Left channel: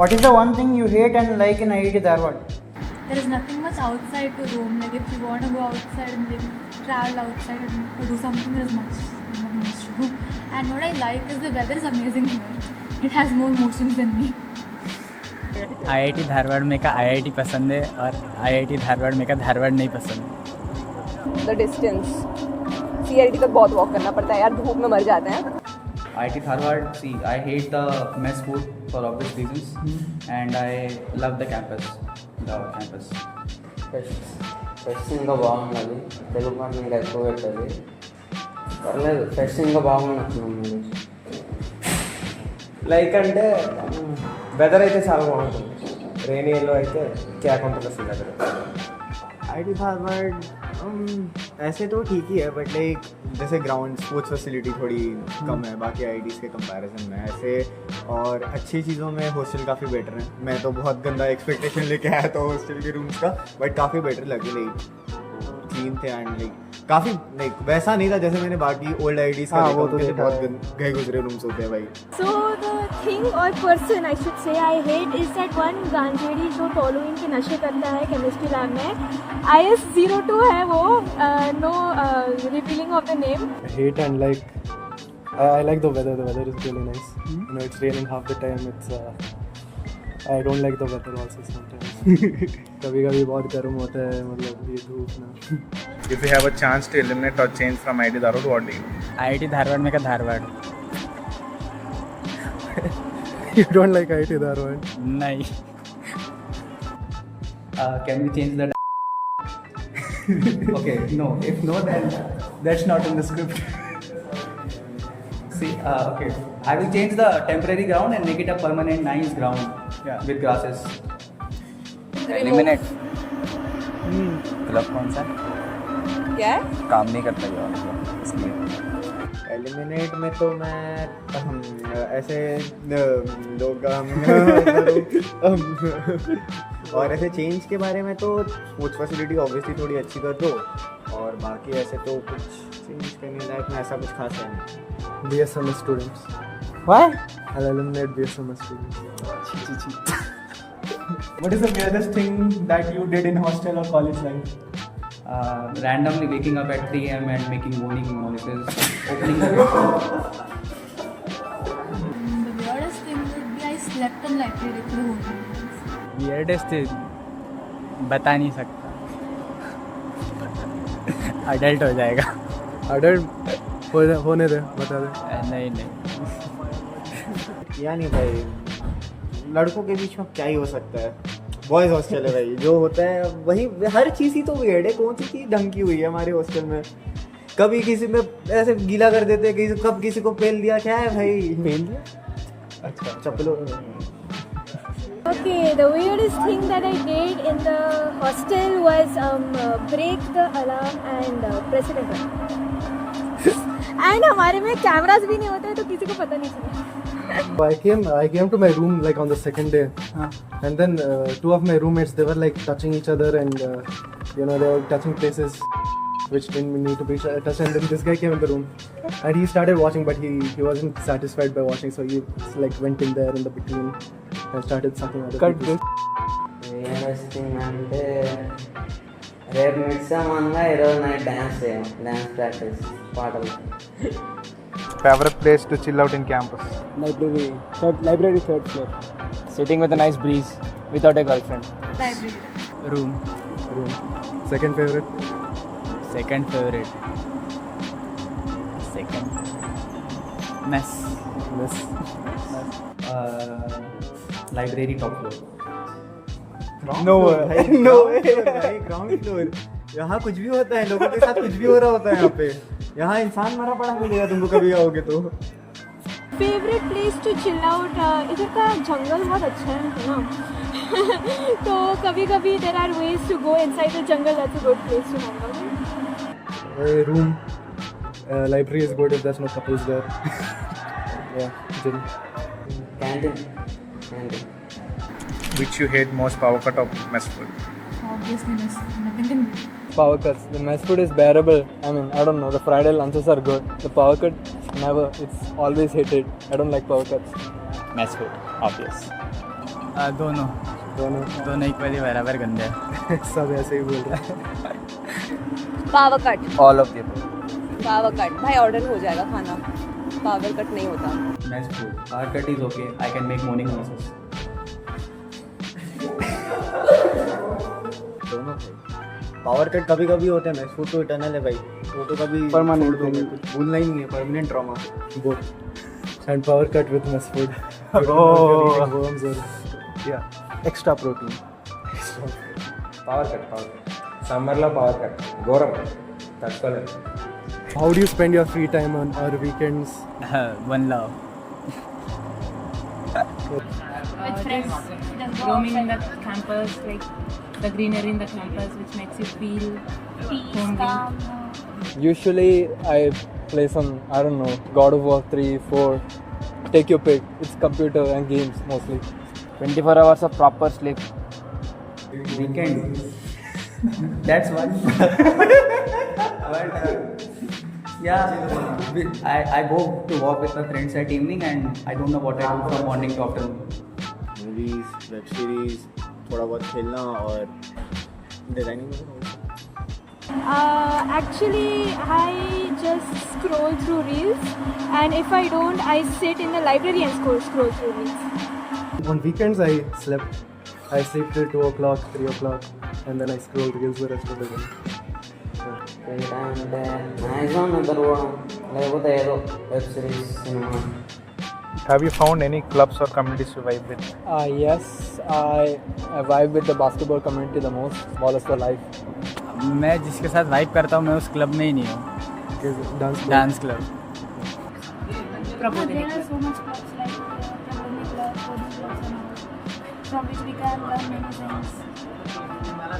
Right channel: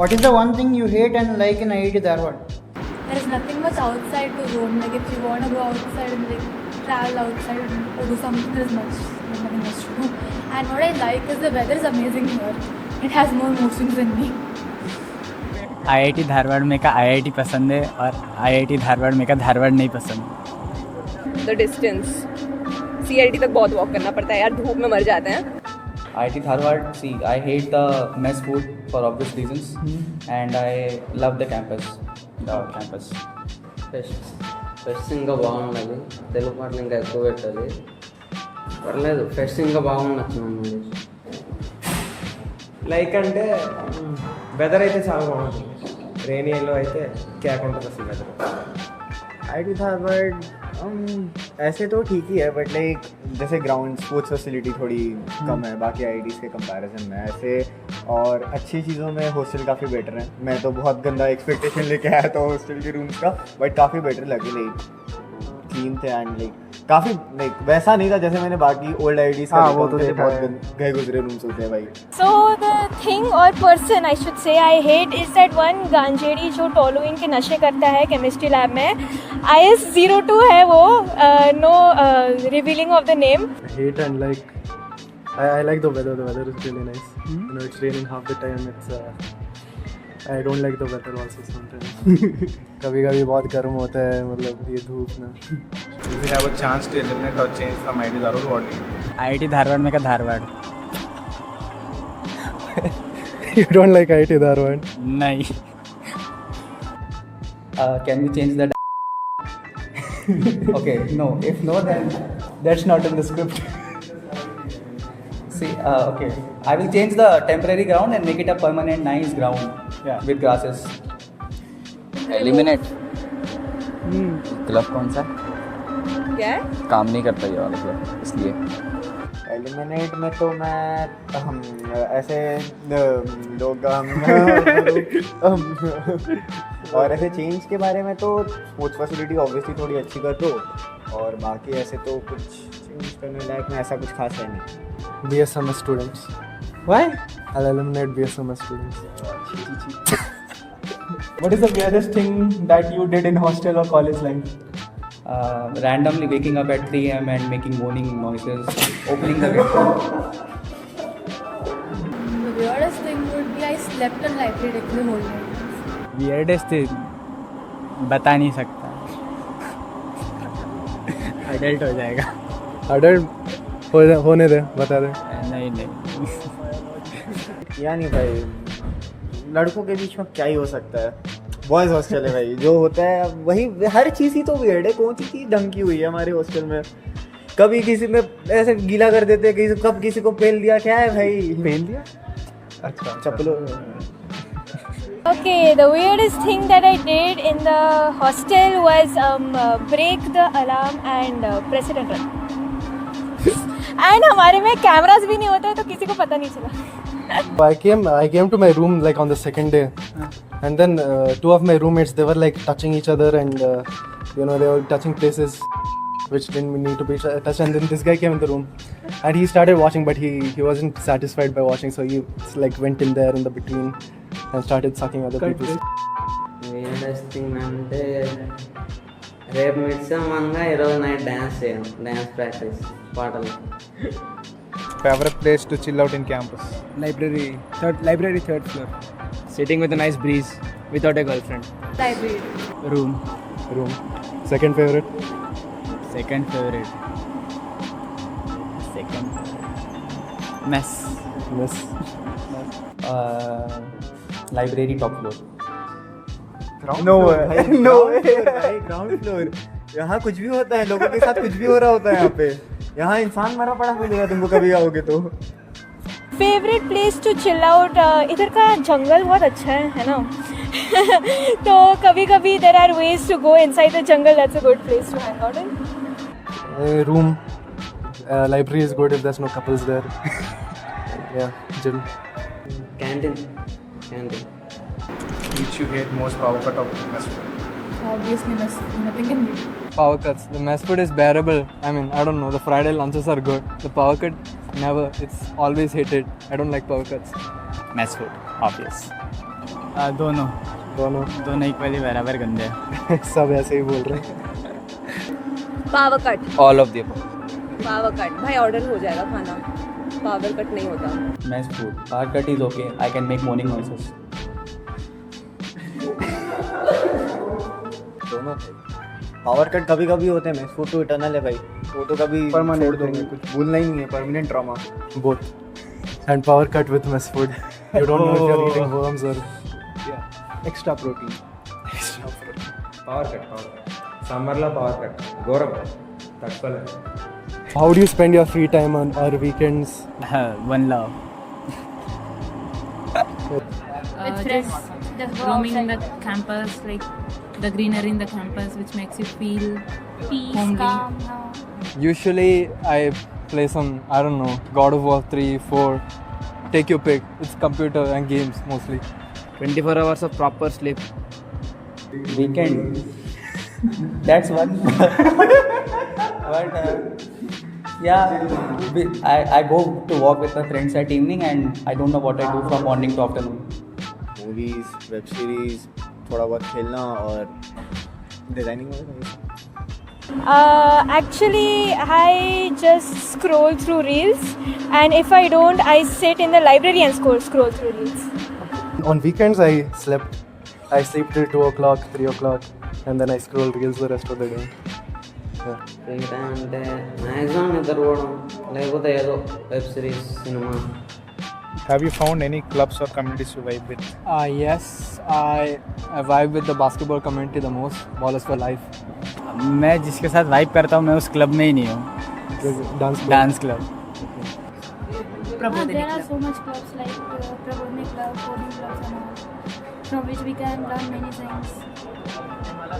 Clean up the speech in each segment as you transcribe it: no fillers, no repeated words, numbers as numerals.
What is the one thing you hate and like in IIT Dharwad? There's nothing much outside to roam. Like if you want to go outside and like travel outside or do something, there's nothing much to do. And what I like is the weather is amazing here. It has more motions than me. IIT Dharwad में का IIT पसंद है और IIT Dharwad में का धारवाड़ नहीं पसंद। The distance, CIT तक बहुत वॉक करना पड़ता है यार, धूप में मर जाते हैं। IIT Dharwad, see, I hate the mess food for obvious reasons, and I love the campus. Pest ఇంకా బాగున్నది, తెలుగు పాటలు ఇంకా ఎక్కువ పెట్టాలి. పర్లేదు, ఫెస్ట్ ఇంకా బాగా నచ్చింది. లైక్ అంటే వెదర్ అయితే చాలా బాగుంటుంది. రెయినీ ఎల్లో అయితే క్యాక్ ఉంటుంది అసలు వెదర్. IIT Dharwad ऐसे तो ठीक ही है, बट लाइक जैसे ग्राउंड स्पोर्ट्स फैसिलिटी थोड़ी कम है बाकी IITs के कंपैरिजन में ऐसे, और अच्छी चीज़ों में हॉस्टल काफ़ी बेटर है. मैं तो बहुत गंदा एक्सपेक्टेशन लेके आया था हॉस्टल के रूम्स का, बट काफ़ी बेटर लगे. लाइक क्लीन थे एंड लाइक काफ़ी लाइक वैसा नहीं था जैसे मैंने बाकी ओल्ड IITs का. वो तो बहुत गए गुजरे रूम्स होते हैं भाई. So the thing or person I should say I hate is that one गांजेड़ी जो टोलुइन के नशे करता है केमिस्ट्री लैब में. IS02 है वो, no revealing of the name. I hate and like I like the weather. The weather is really nice. You know, it's raining half the time. I don't like the weather also sometimes. कभी-कभी बहुत गर्म होता है, मतलब ये धूप में. If you have a chance to eliminate or change from IIT Dharwad, what do you do? IIT Dharwad में का Dharwad You don't like IIT Dharwad? नहीं. Can we change the Okay, no. If no, then that's not in the script. See, okay. I will change the temporary ground and make it a permanent nice ground with grasses. Eliminate club कौन सा क्या है? काम नहीं करता ये वाला club, इसलिए एलिमिनेट में तो मैं हम ऐसे लोग और ऐसे चेंज के बारे में तो स्पोर्ट्स फैसिलिटी ऑब्वियसली थोड़ी अच्छी कर दो, और बाकी ऐसे तो कुछ चेंज करने लायक में ऐसा कुछ खास है नहीं. BSMS students. What? I'll eliminate BSMS students. What is the weirdest thing that you did in hostel or college life? Randomly waking up at 3 a.m. and making moaning noises, opening the door. The weirdest thing would be I slept in library the whole night. Weirdest बता नहीं सकता. Adult हो जाएगा. Adult होने दे, बता दे. नहीं या नहीं भाई, लड़कों के बीच में क्या ही हो सकता है. बॉयज़ हॉस्टल है भाई, जो होता है वही, हर चीज़ ही तो वियर्ड है. कौन सी चीज़ ढंग की हुई है हमारे हॉस्टल में? कभी किसी में ऐसे गीला कर देते, कब किसी को पेल दिया. क्या है भाई, पेल दिया? अच्छा चप्पलों. Okay, the weirdest thing that I did in the hostel was break the alarm and press it again. And हमारे में कैमरास भी नहीं होते हैं तो किसी को पता नहीं चला. I came to my room like on the second day, and then two of my roommates, they were like touching each other and you know, they were touching places which didn't need to be touched. And then this guy came in the room and he started watching, but he wasn't satisfied by watching, so he like went in there in the between and started sucking other people's. weirdest thing అంటే రేపు mix అవ్వగా ఈరోజు night dance practice పాటలు. Favorite place to chill out in campus? library third floor, sitting with a nice breeze without a girlfriend. Library. room Second favorite? second favorite mess. Library top floor. No way ground floor. यहाँ कुछ भी होता है, लोगों के साथ कुछ भी हो रहा होता है यहाँ पे. यहाँ इंसान मरा पड़ा मिलेगा तुमको कभी आओगे तो. Favourite place to chill out, इधर का जंगल बहुत अच्छा है ना. तो कभी कभी there are ways to go inside the jungle. That's a good place to hang out in. Room. Library is good if there's no couples there. Yeah, chill. Canteen. Which you hate most, power cut or mess food? Obviously, nothing can beat. Power cuts. The mess food is bearable. I mean, I don't know. The Friday lunches are good. The power cut, never. It's always hated. I don't like power cuts. Mess food, obvious. दोनों दोनों equally बराबर गंदे हैं. सब ऐसे ही बोल रहे हैं. Power cut. All of the above. Power cut भाई ऑर्डर हो जाएगा खाना. पावर कट नहीं होता. Mess food. Power cut is okay. I can make moaning noises. दोनों पावर कट कभी कभी होते हैं. मैस फूड तो इटर्नल है भाई, वो तो कभी Permanent छोड़ देंगे, भूलना ही नहीं है. Permanent trauma. both. And power cut with mess food. You don't know if you're eating worms or extra protein. Power cut సమ్మర్లో పవర్ కట్ ఘోరం తట్టుకోలేదు. How do you spend your free time on our weekends? One love. With friends, just roaming in the campus, like the greenery in the campus, which makes you feel peace, homely. calm. Usually I play some, I don't know, God of War 3, 4, take your pick. It's computer and games mostly. 24 hours of proper sleep. Weekend. That's one. I go to walk with my friends at evening and I don't know what I do from morning to afternoon. Movies, web series, थोड़ा बहुत खेलना और designing. Actually, I just scroll through reels, and if I don't, I sit in the library and scroll through reels. On weekends, I sleep till 2 o'clock, 3 o'clock, and then I scroll reels the rest of the day. Free time అంటే maximum నిద్రపోవడం, లేకపోతే ఏదో web series, cinema. Have you found any clubs or communities to vibe with? Yes, I vibe with the basketball community the most. Ballers for life. मैं जिसके साथ vibe करता हूँ मैं उस क्लब में ही नहीं हूँ. Dance club. There are so much clubs like Prabodhi Club, from which we can learn many things.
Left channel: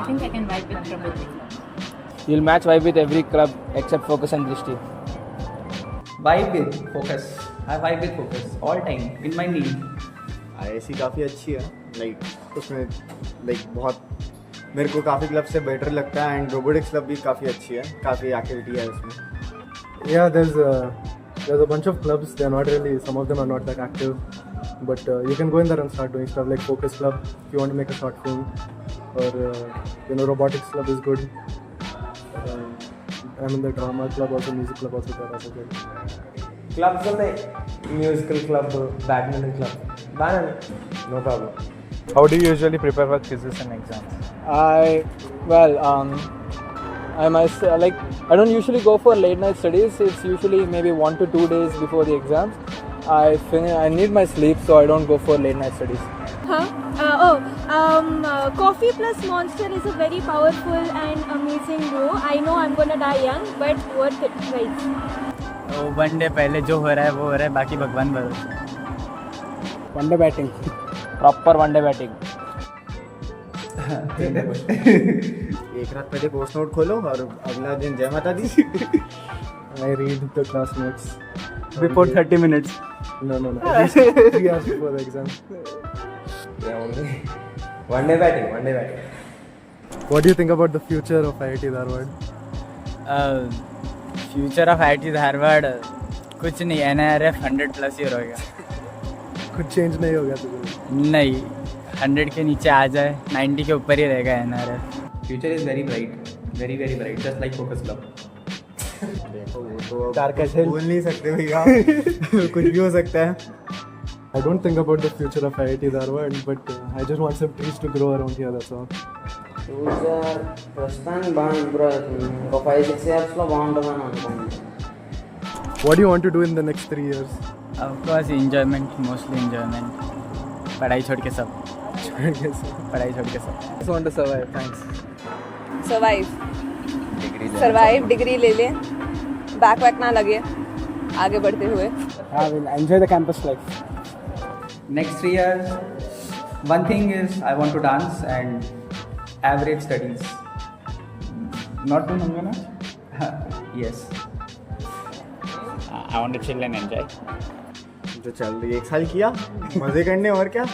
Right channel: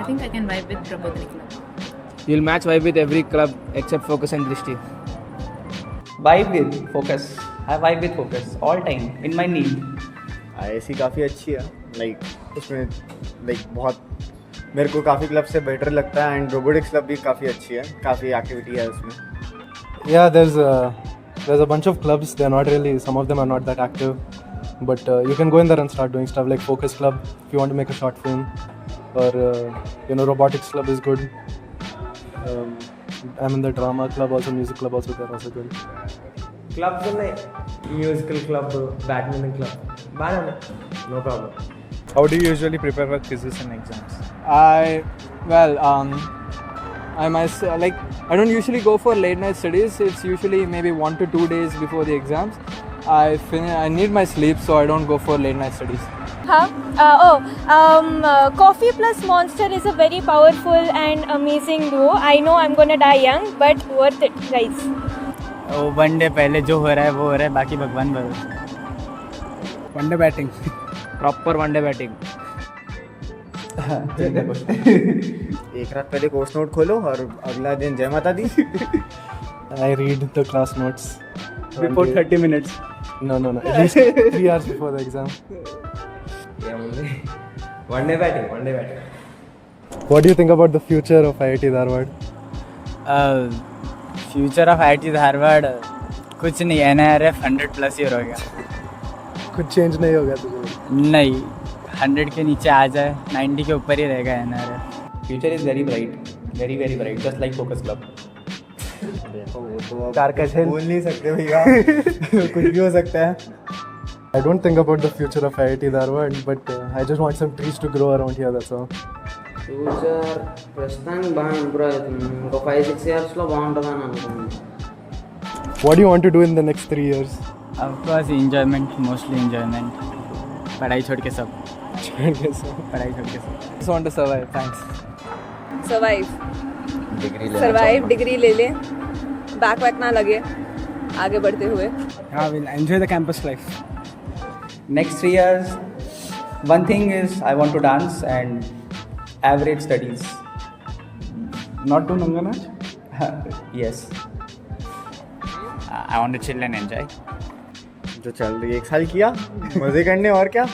I think I can vibe with Prabodhi. You'll match vibe with every club except Focus and Drishti. Vibe with Focus. I vibe with Focus all time in my need. IISc काफ़ी अच्छी है. Like उसमें बहुत मेरे को काफ़ी club से better लगता है. एंड रोबोटिक्स क्लब भी काफ़ी अच्छी है, काफ़ी एक्टिविटी है उसमें. Yeah, there's a bunch of clubs. They're not really, some of them are not that active, but you can go in there and start doing stuff like Focus Club if you want to make a short film, or Robotics Club is good. I'm in the Drama Club also, Music Club also, they're also good. Clubs ఉన్నాయి, musical club, badminton club, బాగానే ఉన్నాయి, no problem. How do you usually prepare for quizzes and exams? I don't usually go for late night studies. It's usually maybe 1 to 2 days before the exams. I need my sleep, so I don't go for late night studies. Coffee plus Monster is a very powerful and amazing duo. I know I'm gonna die young, but worth it, guys. One day पहले जो हो रहा है वो हो रहा है, बाकी भगवान भरोसे. One day batting. Proper one day batting. एक रात पहले कोर्स नोट खोलो और अगला दिन जय माता दी. I read the class notes Before 30 minutes. No, at least 3 hours before the exam. One day batting. What do you think about the future of IIT Dharwad? Future of IIT Dharwad कुछ नहीं. NIRF 100+ year हो गया. कुछ change नहीं होगा तुझे? नहीं, 100 के नीचे आ जाए, 90 के ऊपर ही रहेगा NIRF. Future is very bright, very very bright, just like Focus Club. बोल नहीं सकते भैया. कुछ भी हो सकता है. I don't think about the future of IIT Dharwad, but I just want some trees to grow around here, that's all. Future ప్రస్తుతానికి బాగా ఇంప్రూవ్ అవుతుంది. ఒక 5-6 ఇయర్స్లో బాగుంటుందని అనుకుంటున్నాను. What do you want to do in the next 3 years? Of course enjoyment, mostly enjoyment. पढ़ाई छोड़ के सब. पढ़ाई छोड़ के सब. Just want to survive. Thanks. Survive. Degree ले ले, बैक ना लगे आगे बढ़ते हुए. We'll enjoy the campus life. Next 3 years, one thing is I want to dance and average studies. Not do Nangana? Yes. I want to chill and enjoy. जो चल रही है 1 साल किया मजे करने और क्या.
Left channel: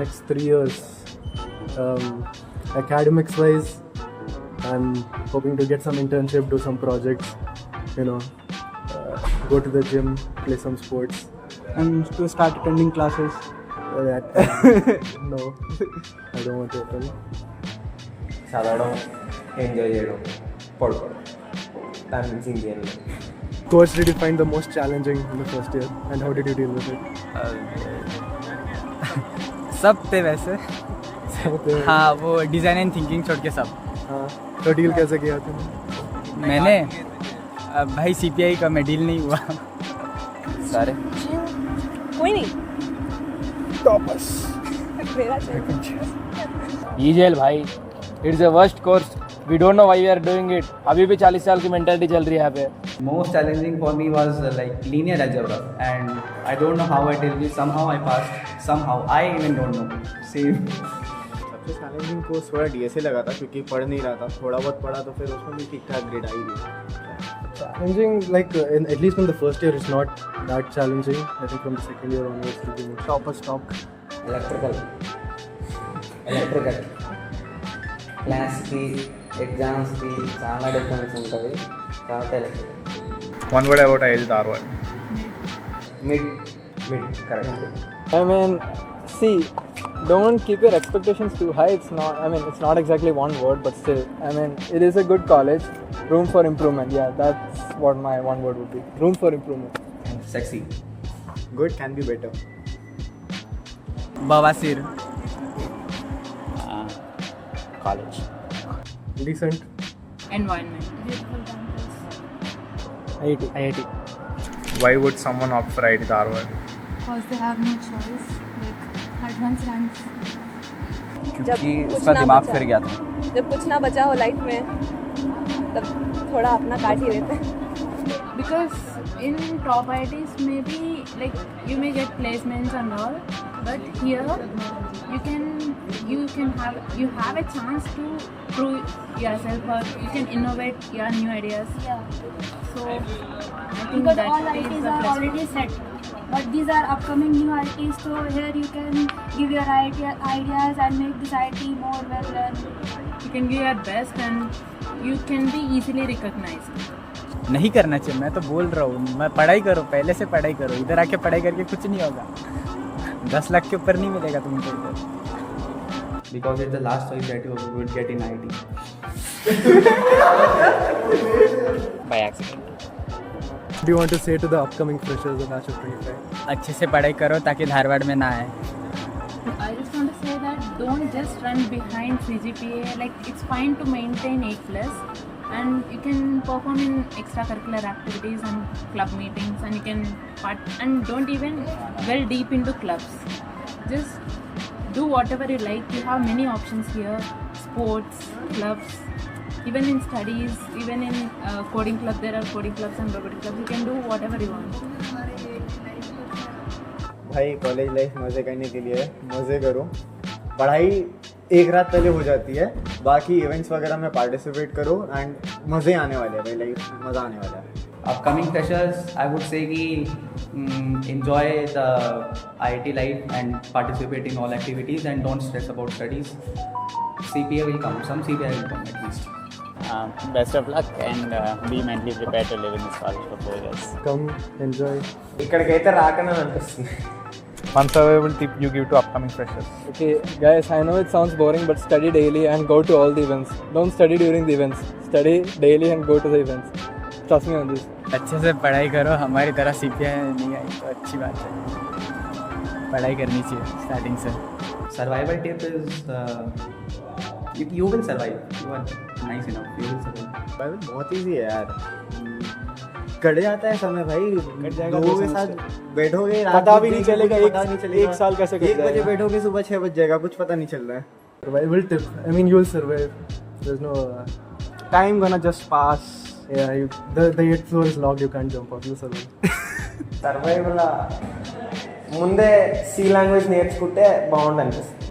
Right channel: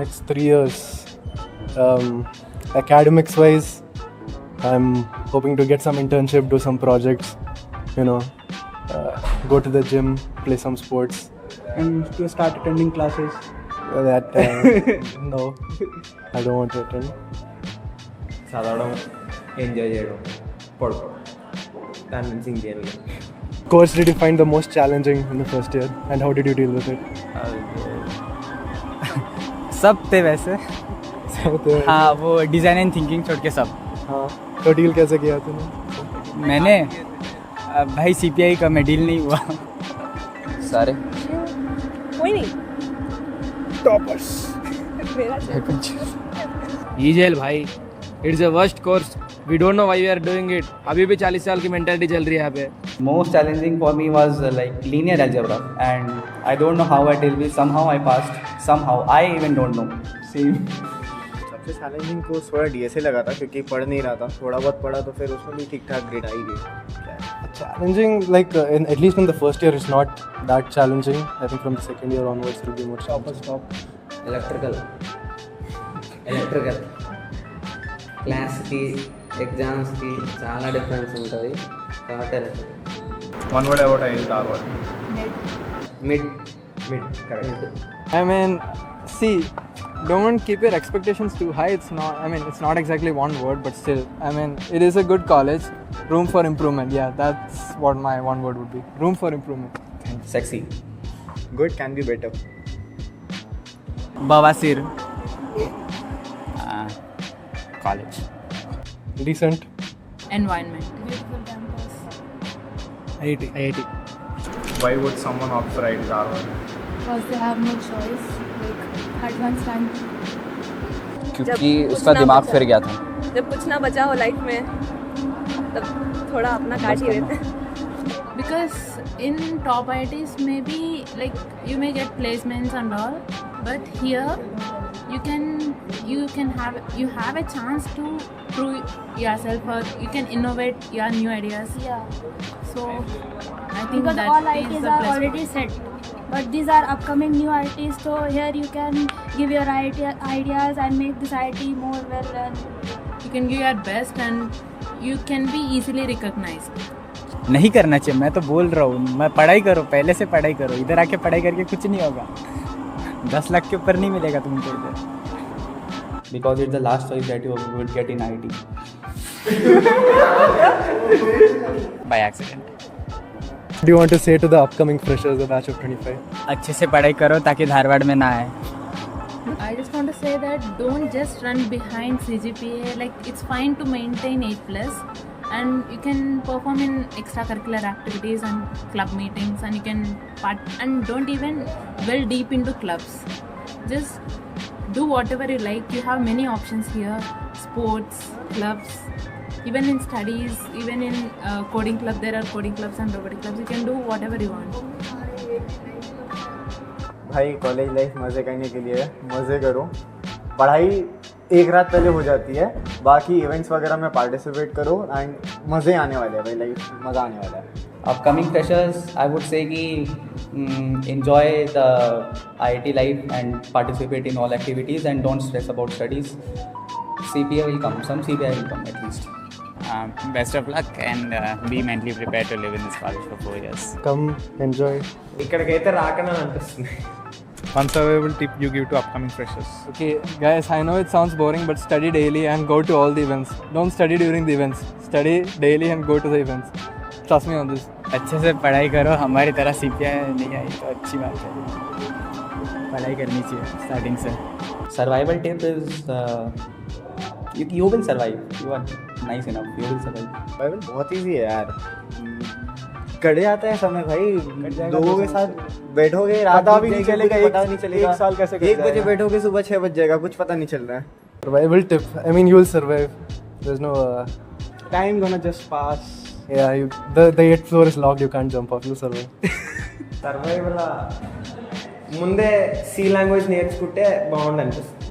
Next 3 years, academics wise, I'm hoping to get some internship, do some projects, go to the gym, play some sports, and to start attending classes. That no, I don't want to attend. చదవడం enjoy చేయడం పడుకోవడం దాని నుంచి ఇంకేం లేదు. Course did you find the most challenging in the first year, and how did you deal with it? सब थे वैसे. सब थे. हाँ, वो डिज़ाइन एंड थिंकिंग छोड़ के सब. हाँ, तो डील कैसे किया तूने? मैंने भाई CPI का मैं डील नहीं हुआ. सारे कोई नहीं Toppers. ईजेल भाई, it's a worst course. We don't know why we are doing it. अभी भी 40 साल की मेंटालिटी चल रही है यहाँ पे. Most challenging for me was like linear algebra, and I don't know how I deal with. Somehow I passed. Somehow I even don't know. Same. सबसे चैलेंजिंग कोर्स थोड़ा DSA लगा था क्योंकि पढ़ नहीं रहा था. थोड़ा बहुत पढ़ा तो फिर उसमें भी ठीक ठाक ग्रेड आई गई. Challenging, like at least in the first year, it's not that challenging. I think from the second year onwards, it'll be more. Stop. Electrical క్లాస్కి ఎగ్జామ్స్కి చాలా డిఫరెన్స్ ఉంటుంది కాబట్టి electrical. One word about IIT Dharwad. Mid correct. I mean, see, don't keep your expectations too high. It's not exactly one word, but still, I mean, it is a good college. Room for improvement. Yeah, that's what my one word would be. Room for improvement. Sexy. Good can be better. बवासीर. College. Decent. Environment. IIT. Why would someone opt for IIT Dharwad? Because they have no choice. Like advanced science. क्योंकि जब उसका कुछ ना दिमाग बचा। फिर गया था. जब कुछ ना बचा हो लाइफ में तब थोड़ा अपना काट ही देते हैं. Because in top IITs maybe like you may get placements and all, but here you have a chance to prove yourself or you can innovate your new ideas. Yeah. So I think Because that all is IITs the are plus already point. set. But these are upcoming new IITs, so here you can give your ideas and make this IIT more well run. You can give your best and you can be easily recognized. नहीं करना चाहिए. मैं तो बोल रहा हूँ, मैं पढ़ाई करो, पहले से पढ़ाई करो. इधर आके पढ़ाई करके कुछ नहीं होगा. 10 लाख के ऊपर नहीं मिलेगा तुमको इधर. Because it's the last choice that you would get in IIT. By accident. What do you want to say to the upcoming freshers, the batch of 25? अच्छे से पढ़ाई करो ताकि धारवाड़ में ना आए. I just want to say that don't just run behind CGPA. Like it's fine to maintain A+, and you can perform in extracurricular activities and club meetings, and you can and don't even well deep into clubs. Just do whatever you like. You have many options here: sports, clubs, even in studies, even in coding club. There are coding clubs and robotic clubs. You can do whatever you want. भाई college life मज़े करने के लिए मज़े करो. पढ़ाई एक रात पहले हो जाती है, बाकी इवेंट्स वगैरह में पार्टिसिपेट करो एंड मज़े आने वाले हैं भाई. लाइफ मज़ा आने वाला है. Upcoming freshers, I would say कि enjoy the IIT life and participate in all activities and don't stress about studies. CPA will come. Some CPA will come at least. Best of luck and be mentally prepared to live in this college for 4 years. Come, enjoy. ఇక్కడికైతే రాకనే అనిపిస్తుంది. One survival tip you give to upcoming freshers. Okay, guys, I know it sounds boring, but study daily and go to all the events. Don't study during the events. Study daily and go to the events. Trust me on this. अच्छे से पढ़ाई करो. हमारी तरह CPI नहीं आई तो अच्छी बात है. पढ़ाई करनी चाहिए स्टार्टिंग से. Survival tip is you will survive. You are nice enough. You will survive. भाई बहुत ईजी है यार. कट जाता है समय भाई. लोगों के साथ बैठोगे रात पता भी नहीं को चलेगा. पता नहीं चलेगा. एक साल कैसे कट 1 बजे जाएगा. बैठोगे सुबह 6 बज जाएगा. कुछ पता नहीं चल रहा है. Survival tip. I mean, you will survive. There's no. Time gonna just pass. Yeah, the 8th floor is locked. You can't jump off. You survive. Survival ముందే సి లాంగ్వేజ్ నేర్చుకుంటే బాగుండు అనిపిస్తుంది.